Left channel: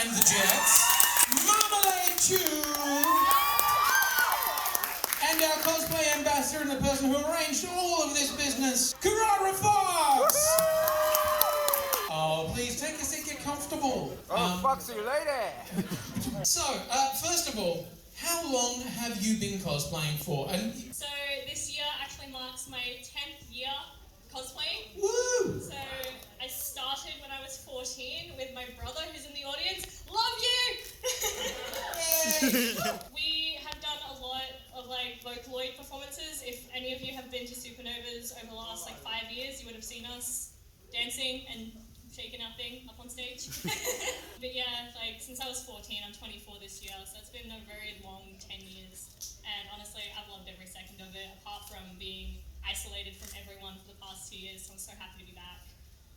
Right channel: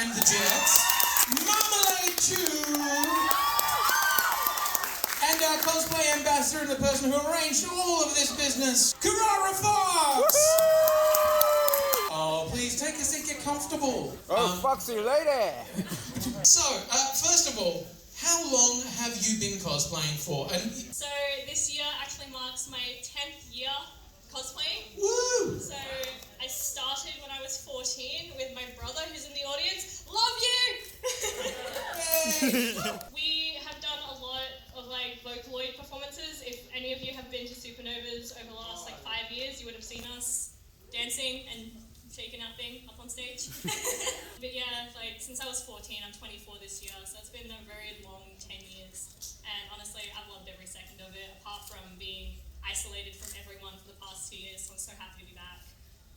and the Jets, Marmalade 2, and our cosplay ambassador and the person who arranged all of this business, Carrara Fox! Oh, please take a seat, get comfortable. Foxy lady! So, first of all, how long have you been cosplaying for? So this year actually marks my 10th year cosplaying. Woo! So I started when I was 14 with my brother who's in the audience. Love you! We have done a lot of Vocaloid performances. If any of you have been to Supernovas over the last 5 years, you would have seen us dancing and shaking our thing up on stage. But yeah, since I was 14, I'm 24 this year, so it's been a very long 10 years. And honestly, I've loved every second of it, apart from being isolated from everyone for the past 2 years, so I'm so happy to be back.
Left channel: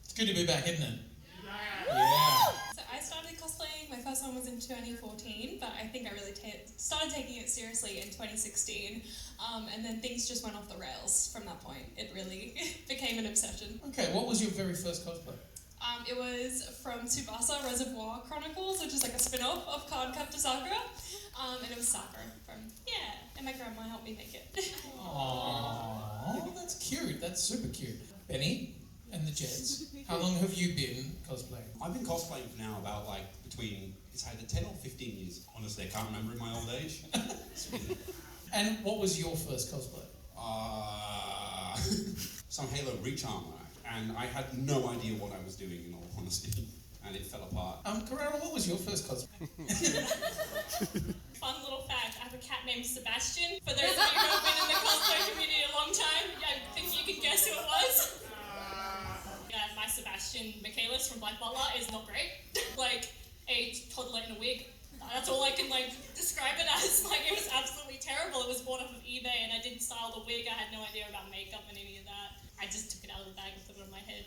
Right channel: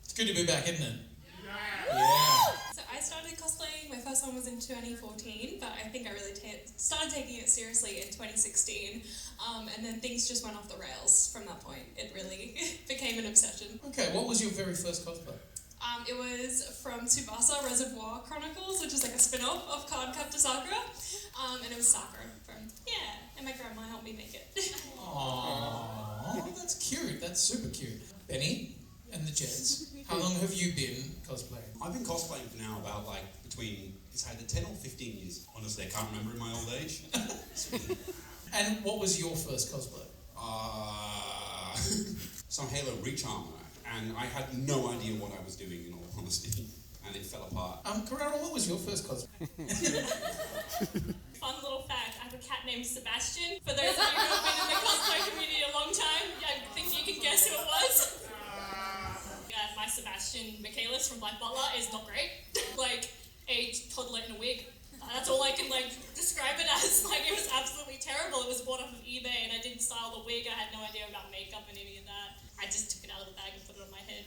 It's good to be back, isn't it? So I started cosplaying, my first one was in 2014, but I think I really started taking it seriously in 2016, and then things just went off the rails from that point. It really became an obsession. Okay, what was your very first cosplay? It was from Tsubasa Reservoir Chronicles, which is a spin-off of Cardcaptor Sakura, and it was Sakura from, and my grandma helped me make it. Aww, that's cute, that's super cute. Benny and the Jets, how long have you been cosplaying? I've been cosplaying for now about between, it's either 10 or 15 years. Honestly, I can't remember in my old age. And what was your first cosplay? Some Halo Reach armor. And I had no idea what I was doing, in all honesty, and it fell apart. Carrara, what was your first cosplay? Fun little fact, I have a cat named Sebastian. For those of you who have been in the cosplay community a long time, I think you can guess who it was. Yeah, my Sebastian Michaelis from Black Butler is not great. A toddler in a wig. That's all I can describe it as. It was absolutely terrible. It was bought off of eBay and I didn't style the wig. I had no idea about makeup and any of that. I just took it out of the bag and put it on my head.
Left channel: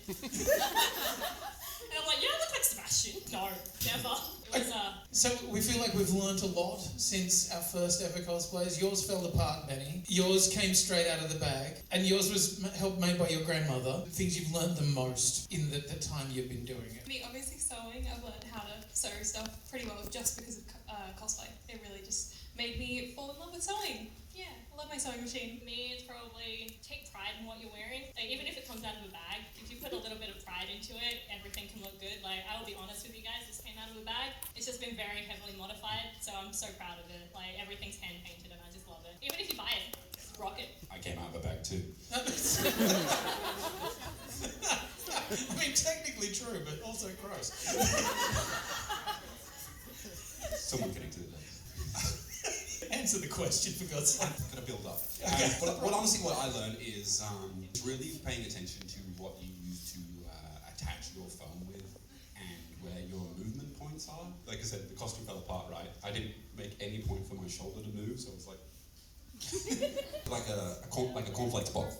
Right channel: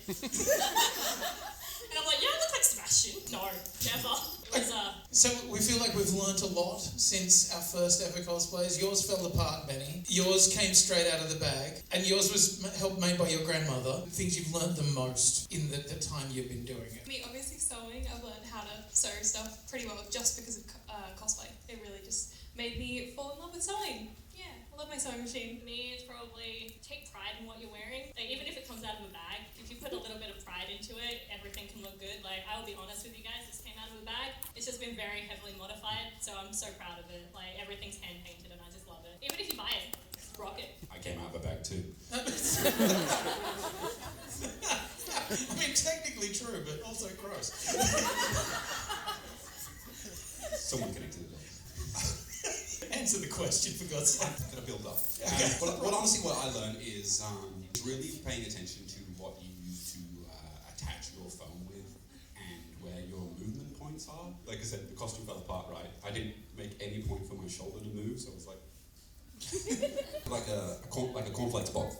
And I'm like, I look like Sebastian. No, never. It was, So we feel like we've learnt a lot since our first ever cosplays. Yours fell apart, Benny. Yours came straight out of the bag. And yours was helped made by your grandmother. Things you've learnt the most in the time you've been doing it. I mean, obviously sewing, I've learned how to sew stuff pretty well just because of cosplay. It really just made me fall in love with sewing. Yeah, I love my sewing machine. Me, probably take pride in what you're wearing. Even if it comes out of a bag, if you put a little bit of pride into it, everything can look good. I'll be honest with you guys, this came out of a bag. It's just been very heavily modified, so I'm so proud of it. Everything's hand painted and I just love it. Even if you buy it, rock it. I came out of a bag too. I mean, technically true, but also gross. Someone connected it. Answer the question, for God's sake. Gonna build up. But honestly, what I learned is really paying attention to what you use to attach your phone with and where your movement points are. Like I said, the costume fell apart, right? I didn't make any point for my shoulder to move, so it was like a cornflakes ball.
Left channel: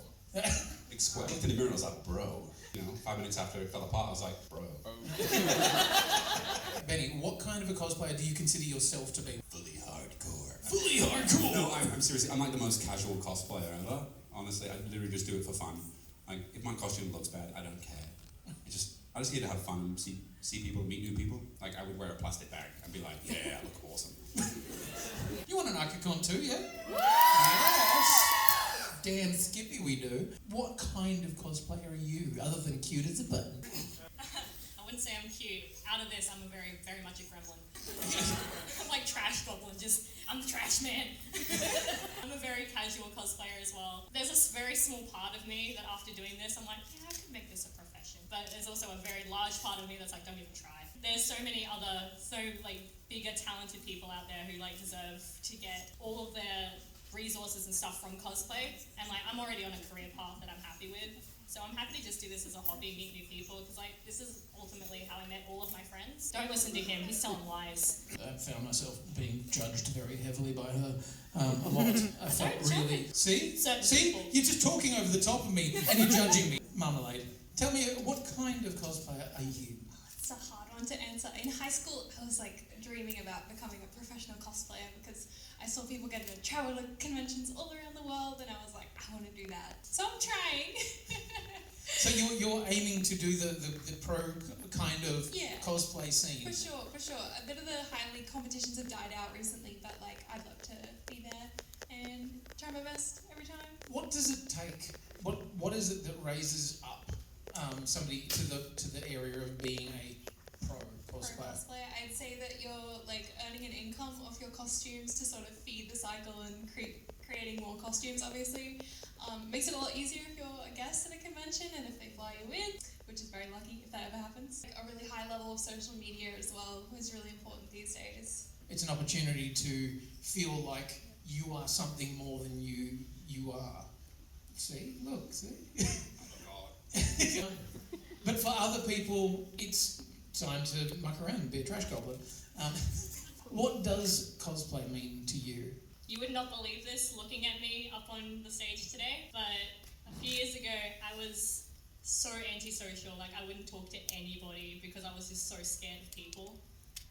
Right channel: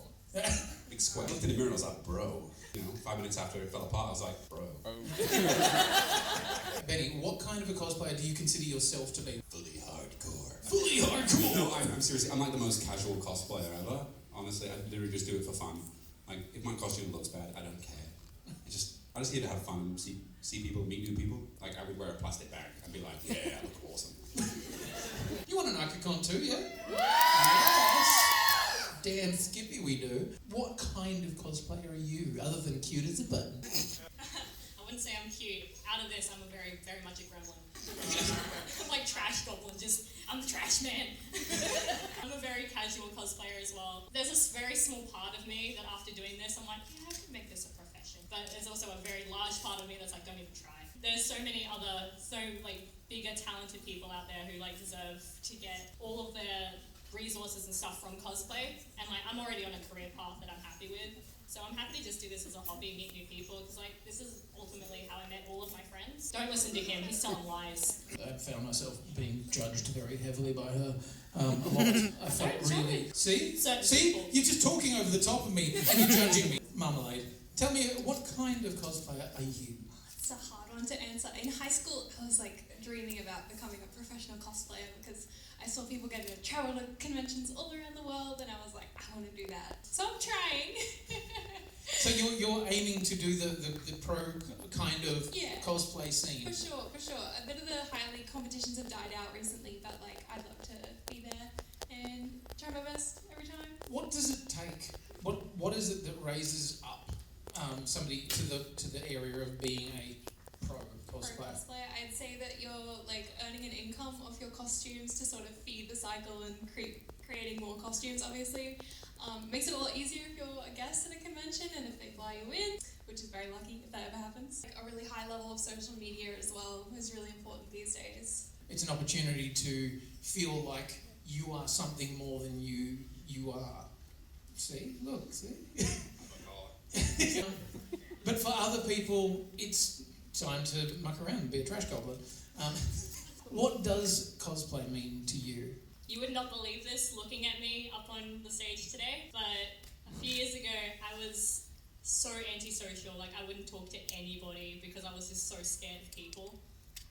Big square. I looked in the mirror and I was like, bro. 5 minutes after it fell apart, I was like, bro. Benny, what kind of a cosplayer do you consider yourself to be? Fully hardcore. Fully hardcore? No, I'm seriously, I'm the most casual cosplayer ever. Honestly, I literally just do it for fun. If my costume looks bad, I don't care. I just here to have fun, see people, meet new people. I would wear a plastic bag and be like, yeah, I look awesome. You want an Akacon too, yeah? Yes! Damn skippy we do. What kind of cosplayer are you, other than cute as a button? I wouldn't say I'm cute. Out of this, I'm a very, very much a gremlin. I'm like Trash Goblin, I'm the trash man. I'm a very casual cosplayer as well. There's a very small part of me that after doing this, I'm like, I could make this a profession. But there's also a very large part of me that's don't even try. There's so many other, bigger, talented people out there who deserve to get all of their resources and stuff from cosplay, and I'm already on a career path that I'm happy with, so I'm happy to just do this as a hobby, meet new people, because this is ultimately how I met all of my friends. Don't listen to him, he's telling lies. I found myself being judged very heavily by her a lot. I felt really... See? You're just talking over the top of me and you're judging me. Marmalade, tell me, what kind of cosplayer are you? It's a hard one to answer. In high school, I was dreaming about becoming a professional cosplayer because I saw people getting to travel to conventions all around the world and I was like, I want to do that. So I'm trying. So you're aiming to do the pro kind of Yeah. cosplay scene. For sure. A bit of the highly competitions have died out recently, but like I'd love to be there and try my best every time. What does it take? What is it that raises up somebody to the area of being a pro Pro cosplayer? cosplayer, I'd say that you're like earning an income off your costumes to sort of feed the cycle and creating more costumes. Obviously, makes it a lot easier if you're a guest at a convention and if they fly you in, which is very lucky if that ever happens. Like, a really high level of social media as well is really important these days. It's an opportunity to feel like you are something more than you are. See? Look, see? But for other people, it's time to muck around and be a trash goblin. What does cosplay mean to you? You would not believe this looking at me up on the stage today, but a few years ago I was so antisocial. Like, I wouldn't talk to anybody because I was just so scared of people.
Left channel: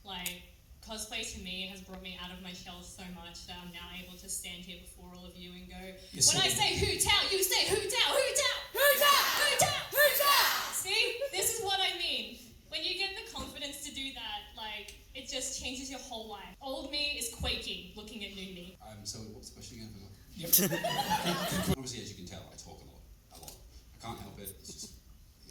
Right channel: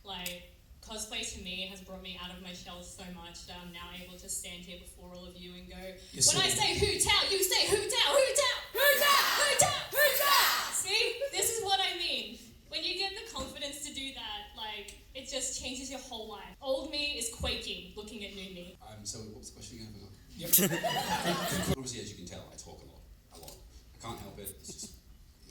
Like, cosplay to me has brought me out of my shell so much that I'm now able to stand here before all of you and go, when I say hoot out, you say hoot out, hoot out, hoot out, hoot out, hoot out. See, this is what I mean. When you get the confidence to do that, like, it just changes your whole life. Old me is quaking looking at new me. So what's the question again? Yep. Obviously, as you can tell, I talk a lot. I can't help it. It's just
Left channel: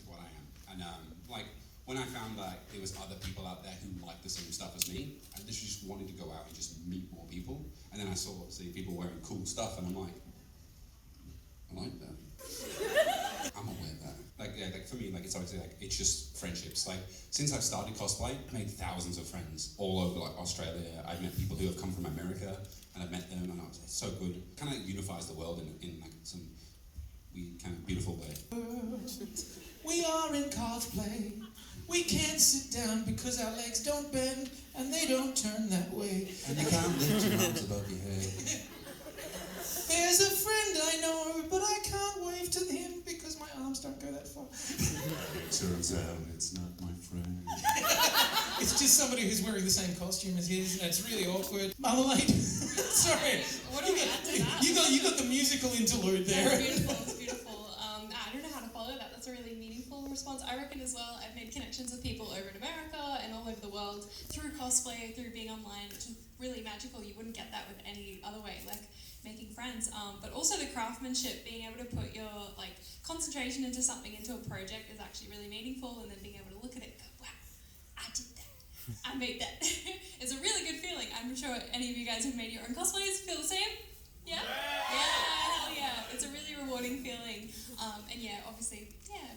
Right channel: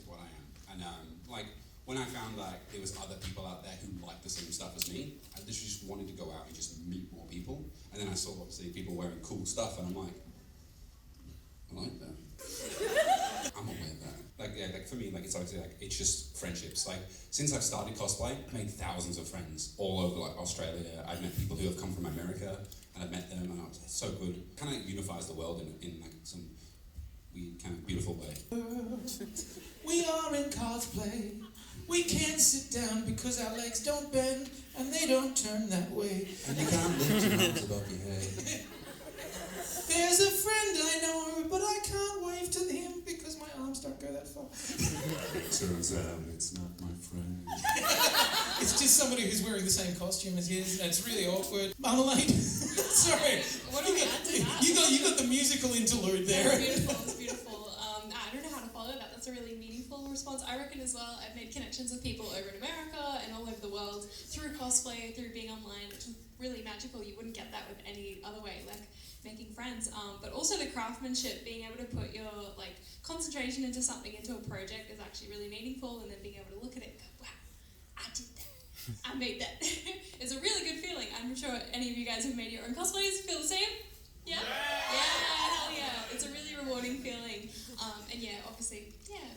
what I am. And like when I found that there was other people out there who liked the same stuff as me, I literally just wanted to go out and just meet more people. And then I saw obviously people wearing cool stuff, and I'm like, I like that. I'm gonna wear that. Like for me, like it's obviously like it's just friendships. Like since I've started cosplay, I've made thousands of friends all over like Australia. I've met people who have come from America, and I've met them, and it's so good. Kind of unifies the world in like some weird kind of beautiful way. We are in cosplay. We can't sit down because our legs don't bend and they don't turn that way. And you can't lift your arms above your head. There's a friend I know, but I can't wave to him because my arms don't go that far. Turns out it's not my friend. It's just somebody who's wearing the same costume as his, and it's really awkward. Marmalade. Sorry. What do we add to that? You got the musical interlude there. It's beautiful. I don't know how to follow that. That's a really meaningful response. I reckon as well, I've made connections with people over in America and all over the world through cosplay, through being online, which is really magical. You wouldn't get that with any other way, like making friends. But also the craftsmanship, being able to put your like concentration into something, into a project is actually really meaningful, and then being able to look at it and go, wow, I did that. I made that. It's a really good feeling. I'm sure any of you guys who've made your own cosplays feel the same. Yeah? Yeah, hell yeah. It's a really rewarding feeling. And yeah, obviously,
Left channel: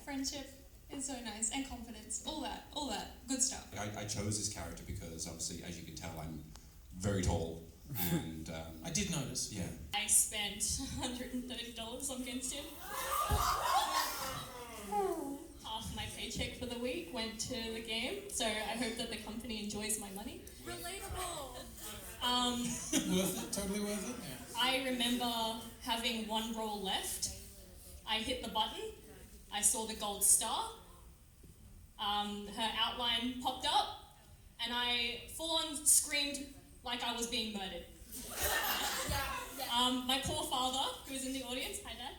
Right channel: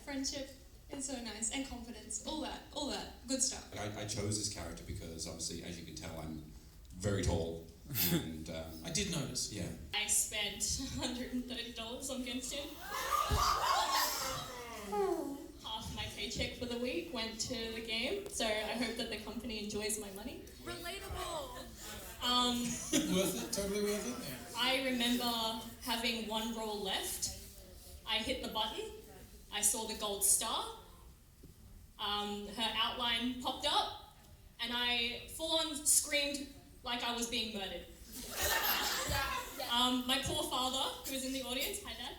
friendship is so nice. And confidence. All that. Good stuff. I chose this character because obviously, as you can tell, I'm very tall. And I did notice. yeah. I spent $130 on Genshin. Half my paycheck for the week went to the game, so I hope that the company enjoys my money. Relatable. Worth it? Totally worth it? Yeah. I remember having one roll left. I hit the button. I saw the gold star. Her outline popped up, and I full-on screamed like I was being murdered. My poor father, who was in the audience, hi Dad,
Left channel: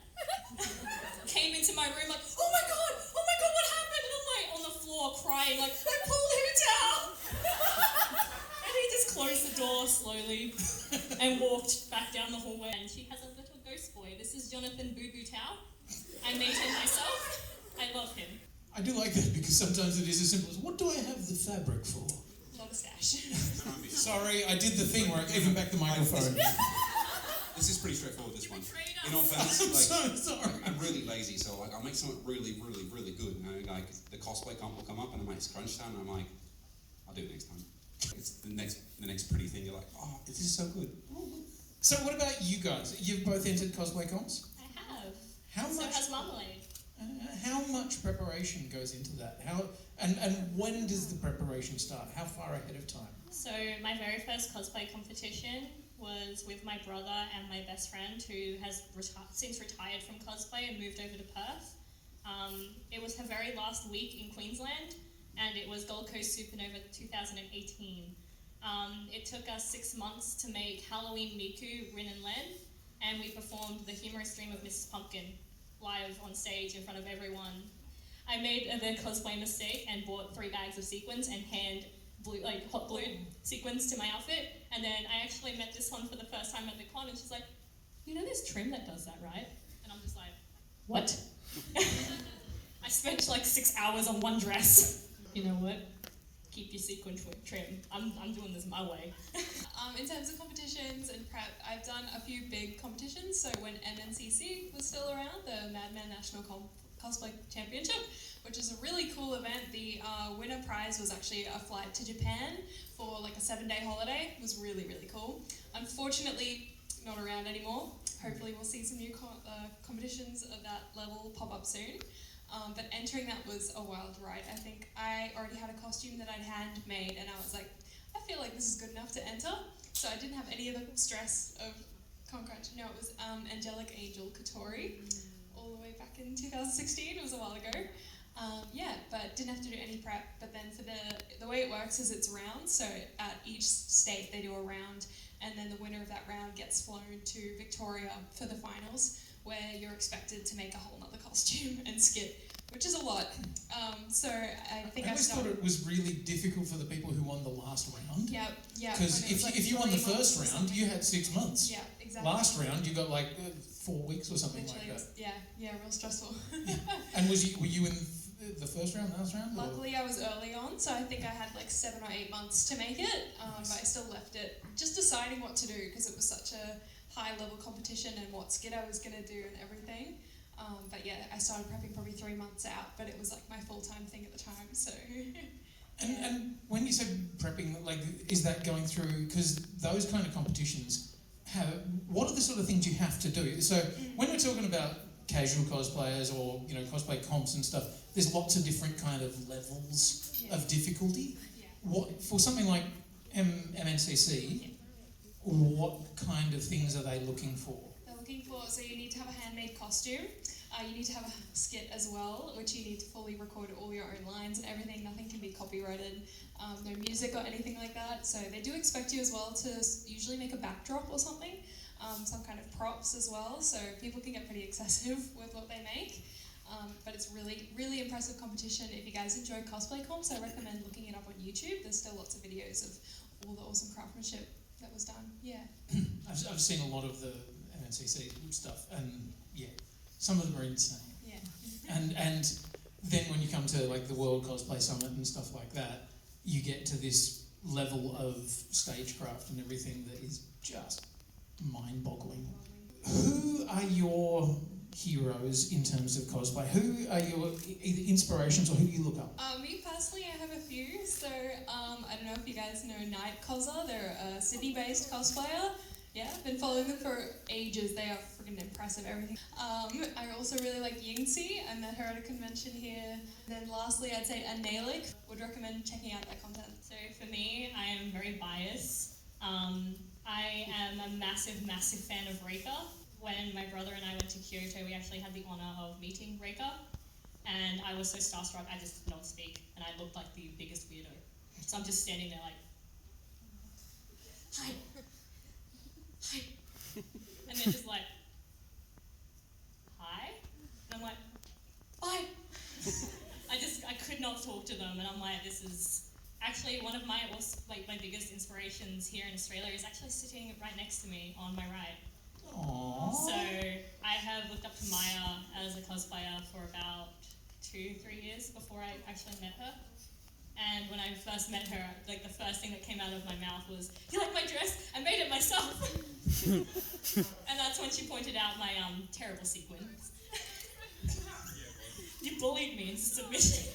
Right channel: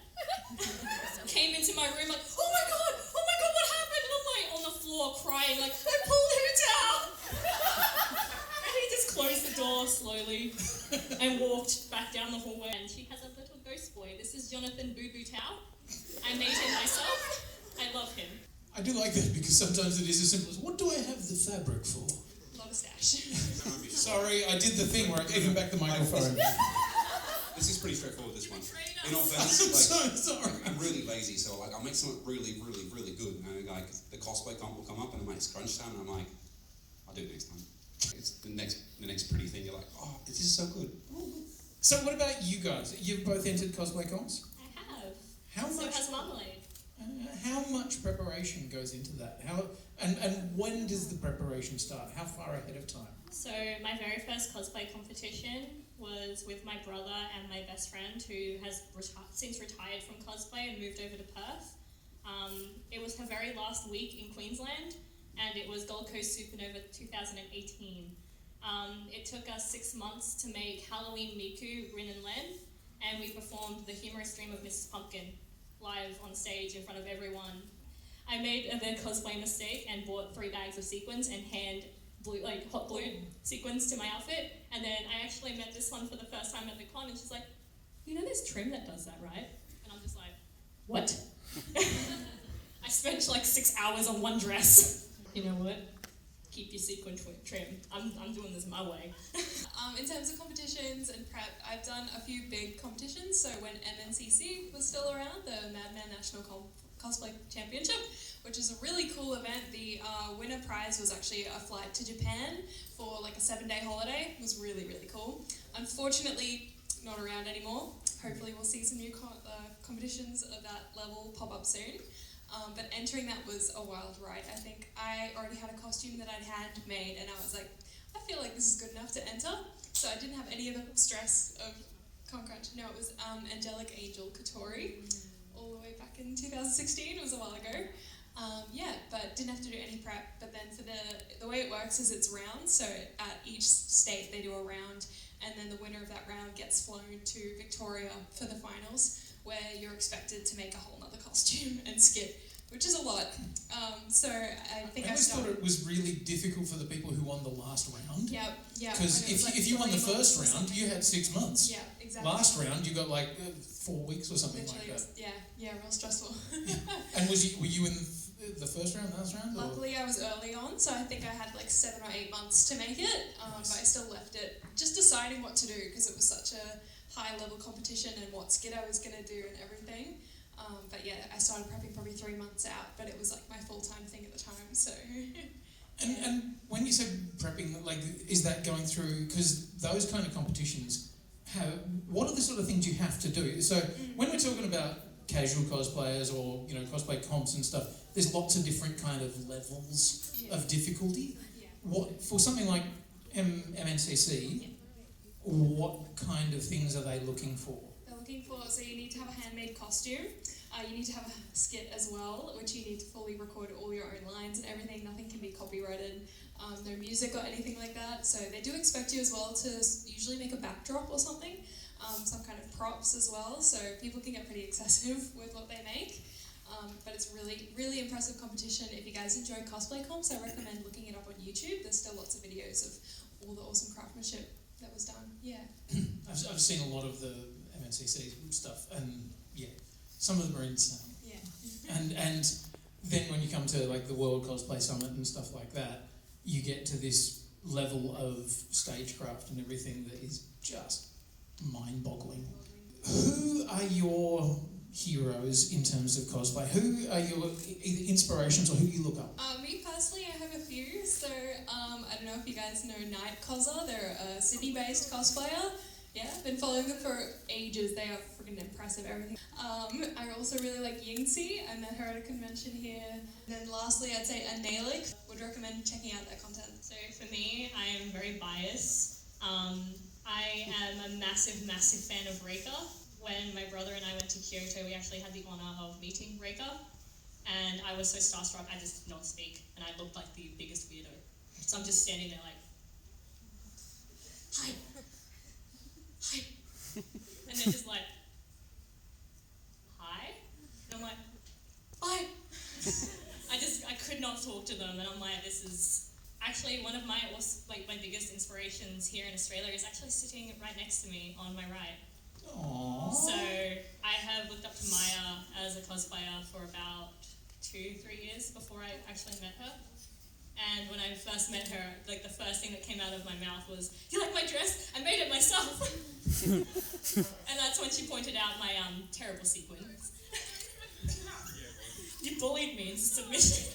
came into my room like, oh my god, what happened? And I'm like on the floor crying like, I pulled him down. And he just closed the door slowly and walked back down the hallway. And she has a little ghost boy. This is Jonathan Boo Boo Tao. I made him myself. I love him. I do like that because sometimes it is as simple as, what do I have the fabric for? Not a stash. Sorry, I did the thing where I gave him back the microphone. This is pretty straightforward, this one. betrayed us. In all fairness, I'm so sorry. I'm really lazy, so like I'll make something really, really, really good. You know, like the cosplay comp will come up and I make crunch time, and I'm like, I'll do it next time. It's the next pretty thing. You're like, oh, this is so good. So what about you guys? You've both entered cosplay cons? I have. How So much? has Marmalade. How much preparation goes into that? And when does the preparation start? How far ahead of time? So my very first cosplay competition was with my brother and my best friend, who has since retired from cosplay and moved over to Perth. It was her very last week in Queensland, and it was Gold Coast Supernova 2018. It took us 6 months to make Halloween Miku, Rin and Len, and we performed The Humorous Dream of Mrs. Pumpkin. live on stage in front of everyone. I made the cosplay mistake and bought 3 bags of sequins and hot glue sequins to my outfit. And then I actually met this one for the first time at the con, and she's like, "You know there's trim that does that, right?" And I'm just like, "What?" I spent like 6 hours on one dress. You know what? Keep your sequin trim. I'm doing this my way. In terms of competitions and prep, I've done a few big competitions. So when MNCC was still around, the Madman National Cosplay Championship, which is a really cool event. The winner prize was actually a flight to Japan for like a 7-day holiday. It was really, really cool. Unfortunately, not around anymore. Hopefully we'll see some new competitions of that level pop up soon. But entering that was a wild ride. I think I already had a costume that I'd handmade, and I was like, I feel like this is good enough to enter. So I didn't have any of the stress of Concrunch. No, it was Angelic Angel Katori, all the way back in 2016. It was a while ago. But didn't have to do any prep. But then for the way it works is it's rounds. So at each state they do a round, and then the winner of that round gets flown to Victoria for the finals, where you're expected to make a whole nother costume and skit, which is a lot. So I think I always thought it was really difficult for the people who won the last round. Yeah. Because if you won the first round, you had 6 months. Yeah, exactly. Last round, you got like 4 weeks or something Literally, like that. yeah, real stressful. And were you in the first round, last round? Or? Luckily, I was early on, so I think I had like 7 or 8 months to make it. But I still left it, just deciding what to do because it was such a high-level competition and what skit I was going to do and everything. But yeah, I started prepping probably 3 months out, but it was like my full-time thing at the time. So. And when you say prepping, like, is that going through? Because those kind of competitions what are the sort of things you have to do? So when we're talking about casual cosplayers or cosplay comps and stuff, there's lots of different kind of levels of difficulty. What for something like MNCC? What kind of things are they looking for? They're looking for, so you need to have a handmade costume. You need to have a skit as well, which you need to fully record all your own lines and everything. Nothing can be copyrighted. No music or anything like that. So they do expect you as well to usually make a backdrop or something, some kind of props as well. So people can get pretty excessive with what they make. But it's really, really impressive competition. If you guys enjoy cosplay comps, I recommend looking it up on YouTube. There's still lots of videos of all the awesome craftsmanship that was done. Yeah. I've seen a lot of the MNCC stuff, and some of them are insane. Yeah. And then when you come to like the World Cosplay Summit and stuff like that, you get to this level of stagecraft and everything that is just mind-boggling. Who are your heroes in terms of cosplay? Who are your either inspirations or who you look up? Me personally, I have a few. So I don't know if you guys know Night Cosser. They're a Sydney-based cosplayer. Yeah, I've been following them for ages. They are freaking impressive, everything. I also really like Yingxi. I met her at a convention here. And then lastly, I'd say Analik. Would recommend checking out their content. So for me, I am very biased. I am a massive, massive fan of Reika. When my brother and I went to Kyoto, we actually had the honour of meeting Reika. And I was so starstruck, I just did not speak. And I looked like the biggest weirdo. So I'm just standing there like, hi. Hi. And they're just like, hi? And I'm like, bye. I could not talk to them, and I'm like, this is actually one of my biggest inspirations here in Australia is actually sitting right next to me on my right. Aww. So I have looked up to Maya as a cosplayer for about 2-3 years before I actually met her. And when I first met her, like the first thing that came out of my mouth was, "You like my dress? I made it myself." And that's when she pointed out my terrible sequins. You bullied me into submission.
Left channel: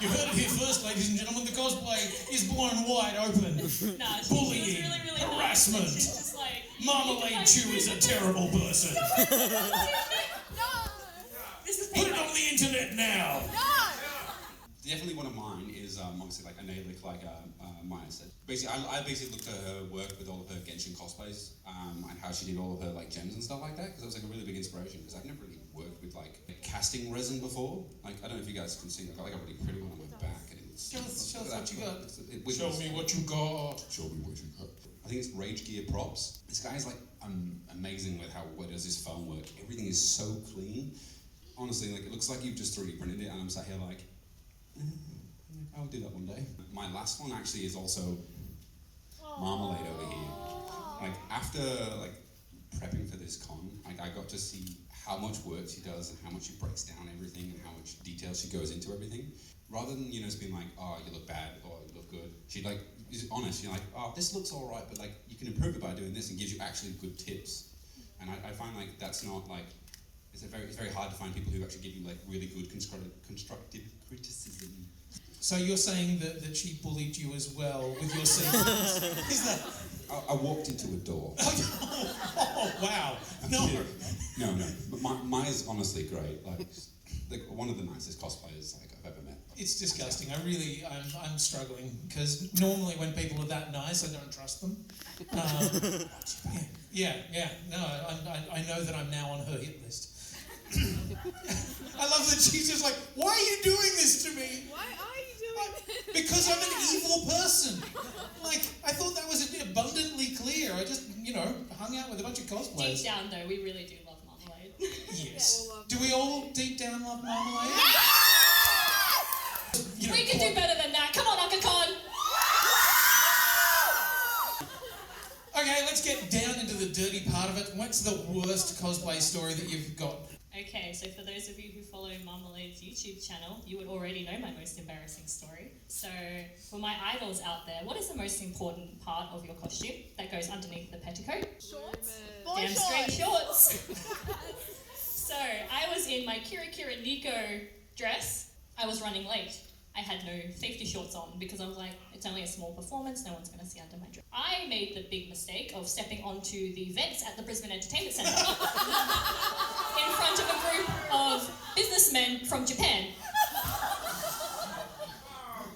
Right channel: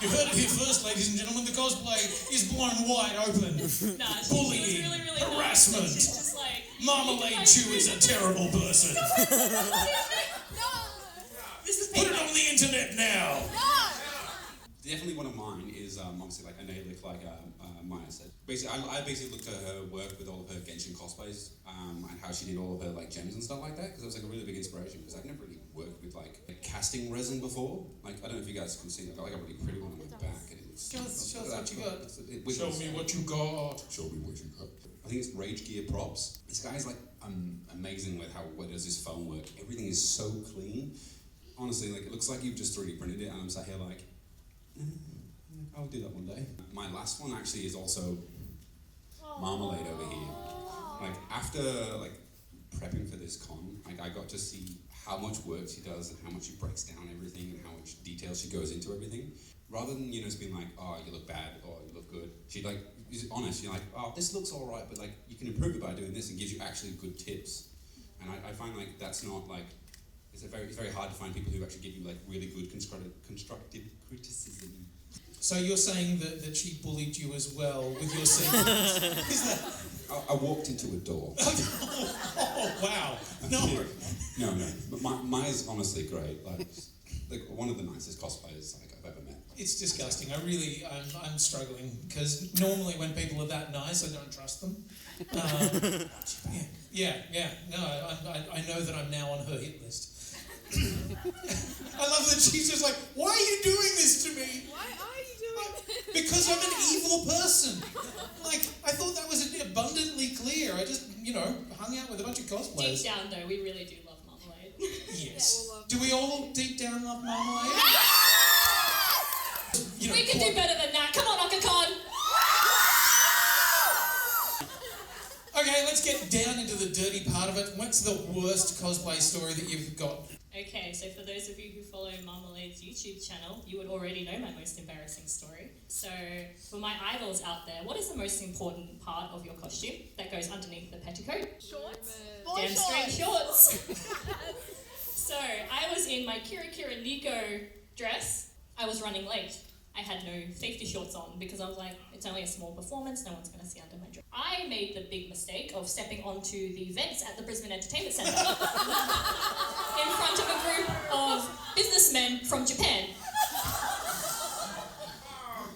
You heard it here first, ladies and gentlemen. The cosplay is blown wide open. Nah, she Bullying, was really, really harassment. Nice. She's just like, Marmalade Chew is a terrible person. this is Put it on the internet now. Definitely one of mine is obviously like Analik, like Maya said. Basically, I basically looked at her work with all of her Genshin cosplays and how she did all of her like gems and stuff like that, because it was like a really big inspiration, because I've never really worked with like casting resin before. Like, I don't know if you guys can see, I got like a really pretty one on my back. And it's, Show us what you got. Show me what you got. Show me what you got. I think it's Rage Gear Props. This guy's like amazing with how does his phone work. Everything is so clean. Honestly, like it looks like you've just 3D printed it, and I'm sat here like, I'll do that one day. My last one actually is also Marmalade over here. Like after like prepping for this con, like I got to see how much work she does and how much she breaks down everything and how much detail she goes into everything. Rather than, just being like, oh, you look bad or you look good, she like is honest. You're like, oh, this looks all right, but like you can improve it by doing this, and gives you actually good tips. And I find like that's not like it's very hard to find people who actually give you like really good constructive criticism. So you're saying that she bullied you as well with your secrets? Is that? I walked into a door. Oh wow! No. No. But Maya's honestly great. Like one of the nicest cosplayers like I've ever met. It's disgusting. I'm struggling because normally when people are that nice, I don't trust them. Yeah. No, I know that I'm now on her hit list. I love that she's just like, why are you doing this to me? Why are you doing this? Because I'm an evil person. Like, I thought that was abundantly clear. I just, hung out with a bunch of cosplayers. Deep down, though, we really do love Marmalade. Yes. Do we all deep down love Marmalade? We can do better than that. Come on, Okacon! Okay, let's get down into the dirty part of it. What's the worst cosplay story that you've got? Okay, so for those of you who follow Marmalade's YouTube channel, you would already know my most embarrassing story. So, for my idols out there, what is the most important part of your costume that goes underneath the petticoat? Shorts? Damn straight shorts! So, I was in my Kira Kira Nico dress. I was running late. I had no safety shorts on because I was like, it's only a small performance, no one's going to see under my dress. I made the big mistake of stepping onto the vents at the Brisbane Entertainment Centre in front of a group of businessmen from Japan.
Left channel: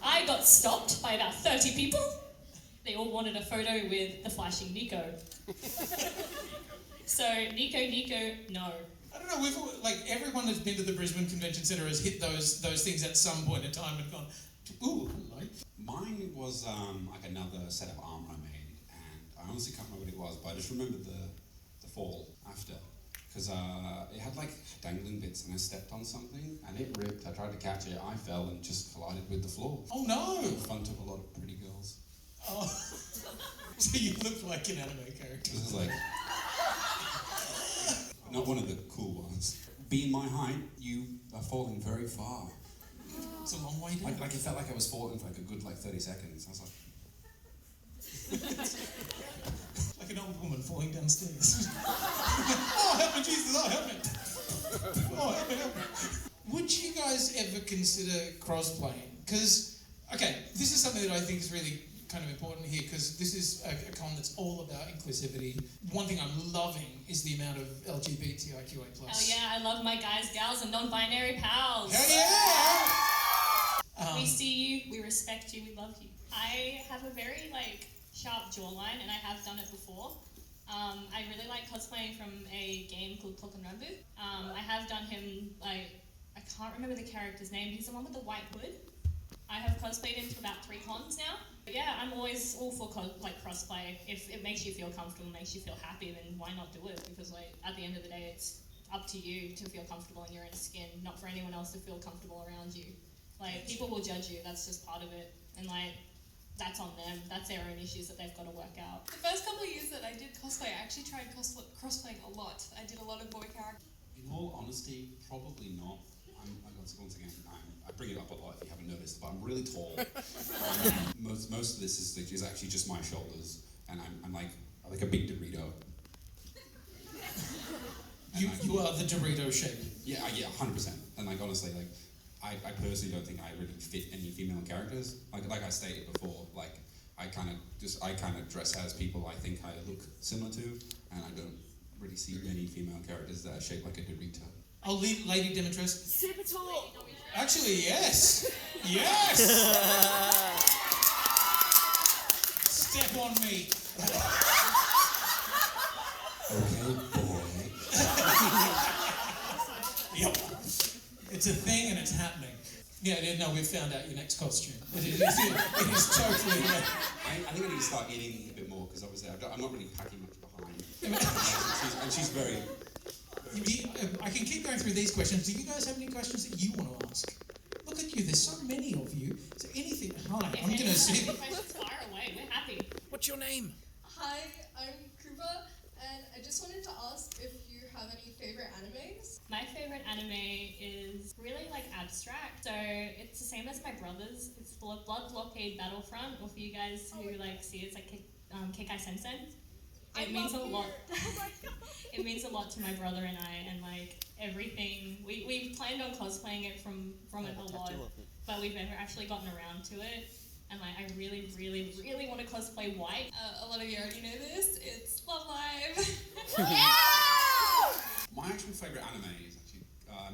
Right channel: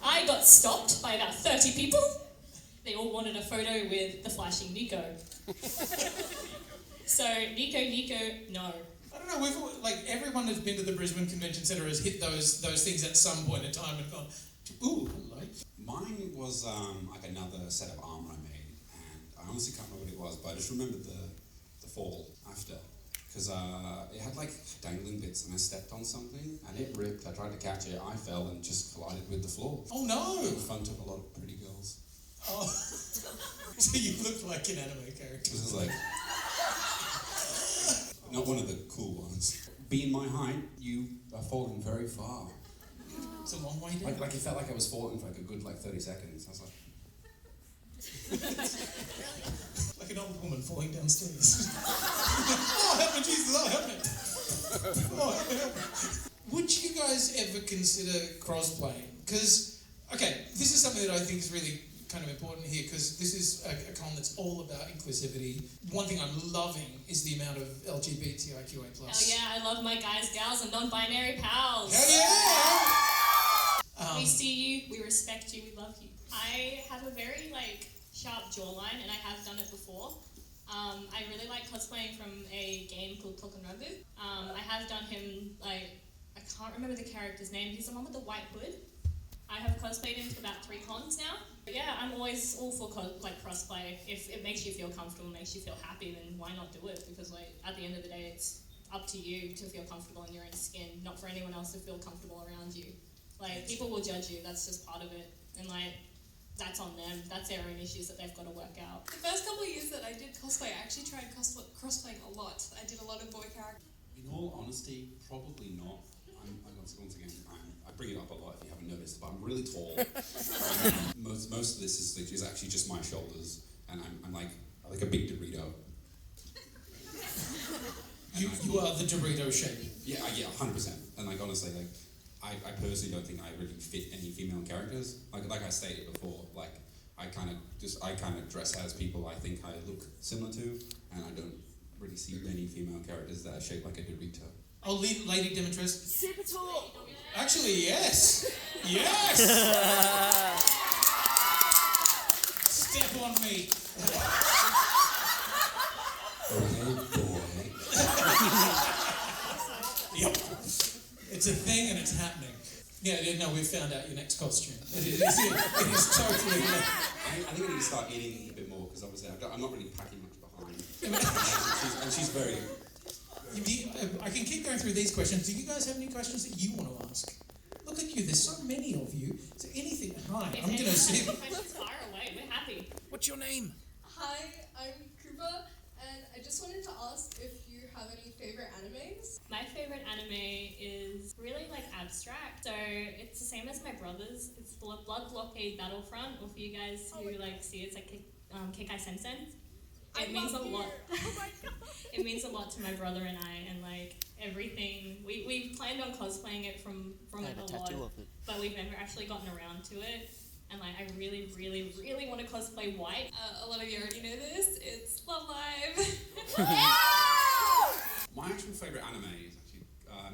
I got stopped by about 30 people. They all wanted a photo with the flashing Nico. So, Nico, no. I don't know, everyone that's been to the Brisbane Convention Centre has hit those things at some point in time and gone, ooh, hello. Mine was like another set of armour I made, and I honestly can't remember what it was, but I just remembered the fall after. Because it had like dangling bits and I stepped on something and it ripped. I tried to catch it, I fell and just collided with the floor. Oh no! In front of a lot of pretty girls. Oh, so you look like an anime character. This is like, not one of the cool ones. Being my height, you are falling very far. It's a long way down. Like it felt like I was falling for like a good 30 seconds. I was like... Like an old woman falling downstairs. Oh, help me, Jesus, oh, help me. Oh, help me. Would you guys ever consider cross-playing? Because, okay, this is something that I think is really kind of important here, because this is a con that's all about inclusivity. One thing I'm loving is the amount of LGBTIQA+. Oh yeah, I love my guys, gals, and non-binary pals. Hell yeah! We see you, we respect you, we love you. I have a very, sharp jawline, and I have done it before. I really like cosplaying from a game called Tokunabu. I have done him, I can't remember the character's name, he's the one with the white hood. I have cosplayed him for about 3 cons now. But yeah, I'm always all for crossplay. If it makes you feel comfortable, makes you feel happy, then why not do it? Because at the end of the day, it's up to you to feel comfortable in your own skin, not for anyone else to feel comfortable around you. People will judge you, that's just part of it. And that's on them. That's their own issues that they've got to work out. The first couple of years that I did cosplay, I actually tried crosplaying a lot. I did a lot of boy characters. In all honesty, probably not. Once again, I bring it up a lot if you haven't noticed, but I'm really tall. Most of this is actually just my shoulders, and I'm like a big Dorito. You are the Dorito shape. Yeah, 100%. And honestly, I personally don't think I really fit any female characters. Like I stated before, I kind of dress as people I think I look similar to, and I don't really see many female characters that are shaped like a Dorito. Oh, Lady Demetrius. Super tall. Actually, yes. Yes. Step on me. Okay, boy. Yep. It's a thing and it's happening. Yeah, no, we've found out your next costume. It is totally... I think I need to start eating a bit more because obviously I'm not really packing much behind. and she's very. I can keep going through these questions. Do you guys have any questions that you want to ask? Look at you, there's so many of you. Is there anything? Hi, I'm going to sit. Questions fire away. We're happy. What's your name? Hi, I'm Krupa, and I just wanted to ask if you have any favorite animes. My favorite anime is really like abstract, so it's the same as my brother's. It's Blood Blockade Battlefront, or for you guys who like see it, it's like Keikai Sensen. It means a lot. Oh my god! It means a lot to my brother and I, and like everything. We planned on cosplaying it from it a lot, but we've never actually gotten around to it. And like, I really, really, really want to cosplay White. A lot of you already know this. It's Love Live. My actual favourite anime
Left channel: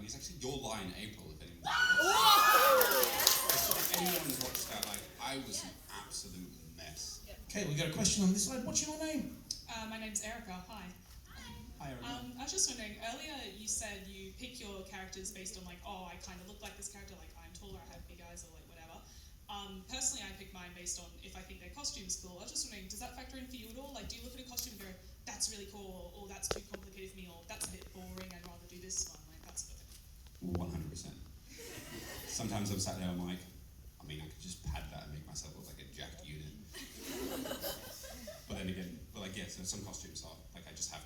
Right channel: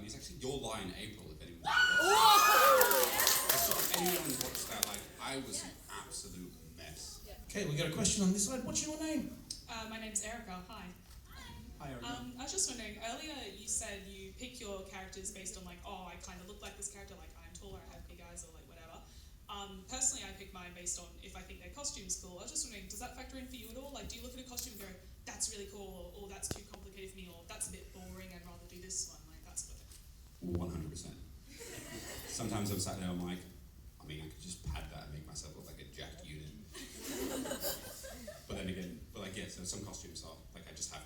is actually Your Lie in April. If anyone watched that, like I was an absolute mess. Okay, we've got a question on this side. What's your name? My name's Erica. Hi. Hi, I was just wondering, earlier you said you pick your characters based on like, oh, I kind of look like this character, like I'm taller, I have big eyes, or like whatever. Personally, I pick mine based on if I think their costume's cool. I was just wondering, does that factor in for you at all? Like, do you look at a costume and go, that's really cool, or that's too complicated for me, or that's a bit boring, I'd rather do this one, like that's good. 100%. Sometimes I'm sat there, I'm like, I mean, I could just pad that and make myself look like a jacked unit. But then again, so some costumes are like I just have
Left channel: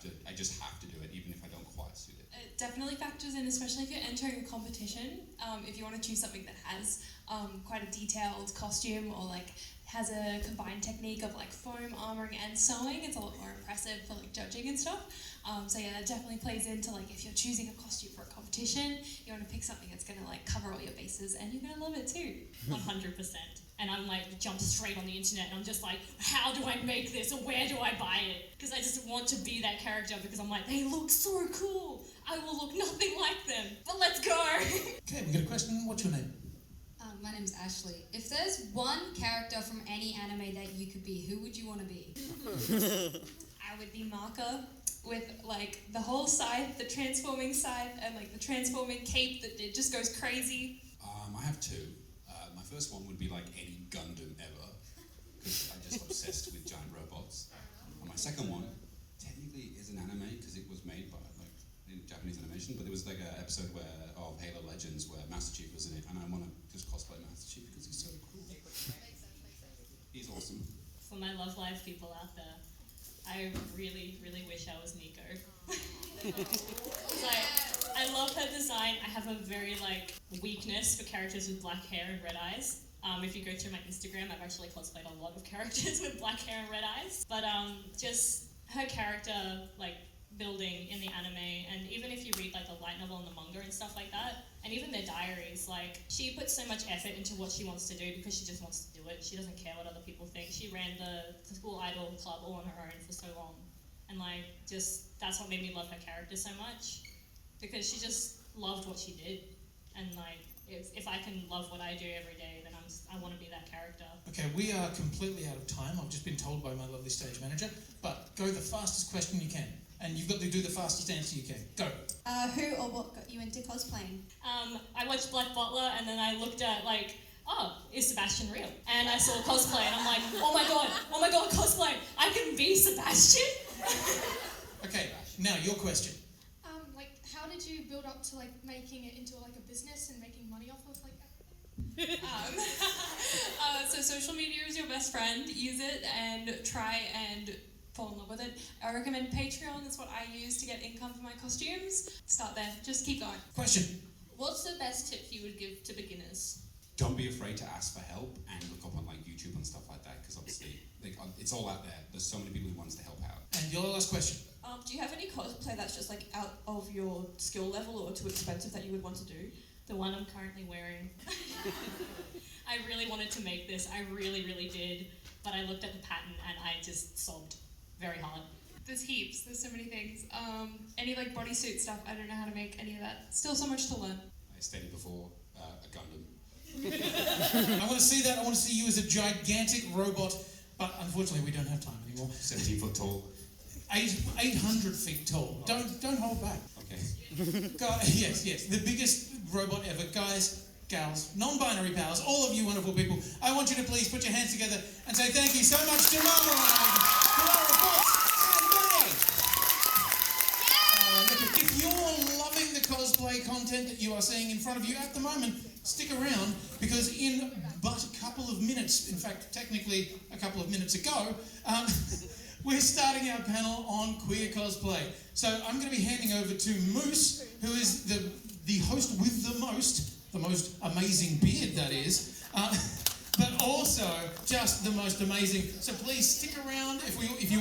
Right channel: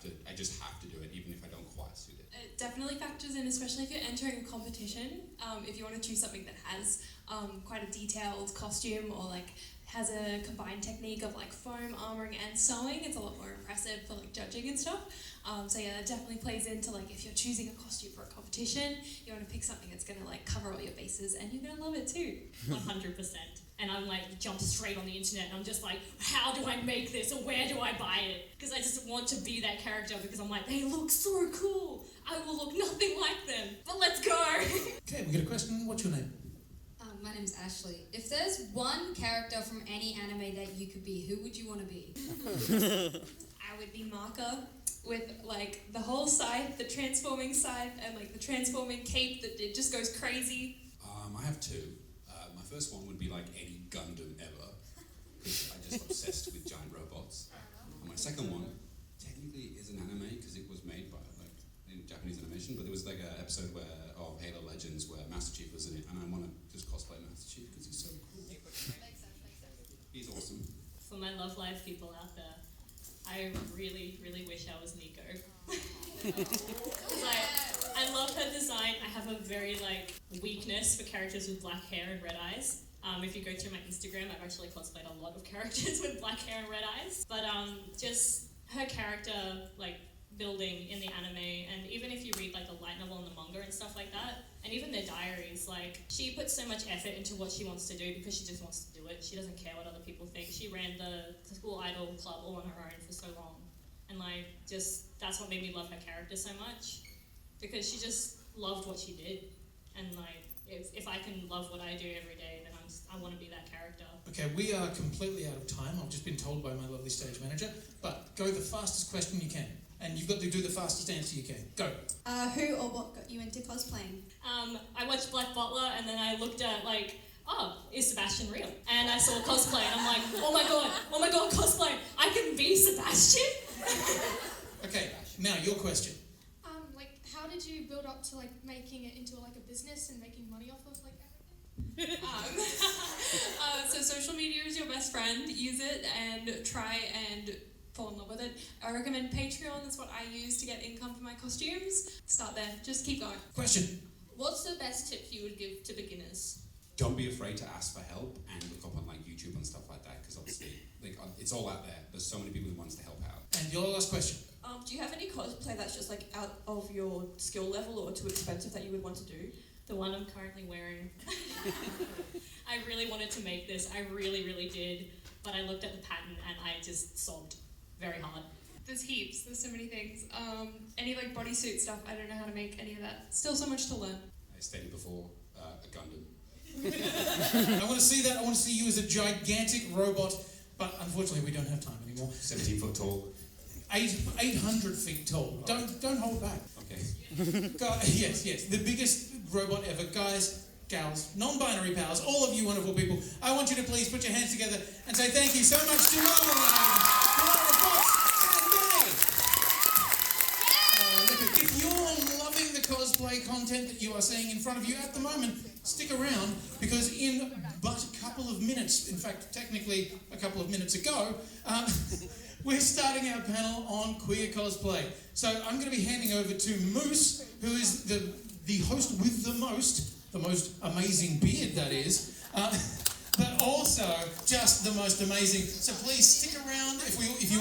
to do it, even if I don't quite suit it. It definitely factors in, especially if you're entering a competition. If you want to choose something that has quite a detailed costume, or like has a combined technique of like foam armoring and sewing, it's a lot more impressive for like judging and stuff. So yeah, it definitely plays into like if you're choosing a costume for a competition, you want to pick something that's going to like cover all your bases, and you're going to love it too. 100%. And I'm like, jump straight on the internet, and I'm just like, how do I make this, or where do I buy it? Because I just want to be that character, because I'm like, they look so cool. I will look nothing like them, but let's go. Okay, we've got a question. What's your name? My name's Ashley. If there's one character from any anime that you could be, who would you want to be? I would be Maka with like the whole scythe, the transforming scythe, and like the transforming cape that it just goes crazy. I have two. My first one would be like any Gundam ever, because I'm just obsessed with giant robots. And my second one technically is an anime because it was made by like in Japanese animation, but there was like an episode of Halo Legends where Master Chief was in it, and I want to just cosplay Master Chief because he's so cool. He's awesome. For my Love Live people out there, I really, really wish I was Nico. Like, I love her design. I have a very like weakness for characters with black hair and red eyes. If you go through my Instagram, I've actually cosplayed a lot of characters with black hair and red eyes. But just her character like building in the anime, and even if you read like the light novel and the manga and stuff like that, and even their diaries, like she puts so much effort into what she wants to do because she just wants to do it. She doesn't care what other people think. She ran the school idol club all on her own for so long, and like just that's what made me love her character so much, because she just loved what she did, and like if I can love what I do every day, then I want to be that character. Okay, we are completely out of time. I've just been told by my lovely stage manager. But go the fastest question you can. And you've got to do the fastest answer you can. Go. Who or what got you into cosplaying? I watched Black Butler, and then I looked at like, oh, is Sebastian real? And I saw cosplay, and I'm like, oh my god, cosplay! I can be Sebastian. Okay, now your question. Like, how did you build up to like making it into like a business and making money off of like everything? So social media is your best friend. Use it and try and fall in love with it. I recommend Patreon. It's what I use to get income for my costumes. Start there. Just keep going. Question. What's the best tip you would give to beginners? Don't be afraid to ask for help and look up on like YouTube and stuff like that, because obviously like, it's all out there. There's so many people who wants to help out. And your last question. Do you have any cosplay that's just like out of your skill level or too expensive that you would want to do? The one I'm currently wearing. I really wanted to make this. I really, really did. But I looked at the pattern and I just sobbed very hard. There's heaps. There's so many things. Any like bodysuit stuff. I don't know how to make any of that. Still so much to learn. I stated before, a Gundam. I want to see that. I want to see you as a gigantic robot. But unfortunately, we don't have time anymore. 17 foot tall. 800 feet tall. Don't hold back. Okay. Yes. The biggest robot ever. Guys, gals, non-binary pals, all of you wonderful people, I want you to please put your hands together and say thank you so much to Lara Fox and Millie. Look, if you're loving the cosplay content that you are seeing in front of you at the moment, stick around, because in but a couple of minutes, in fact, technically a couple of minutes ago, we're starting our panel on queer cosplay. So I'm going to be handing over to Moose, who is the host with the most amazing beard, that is, but also just the most amazing. So please stick around if you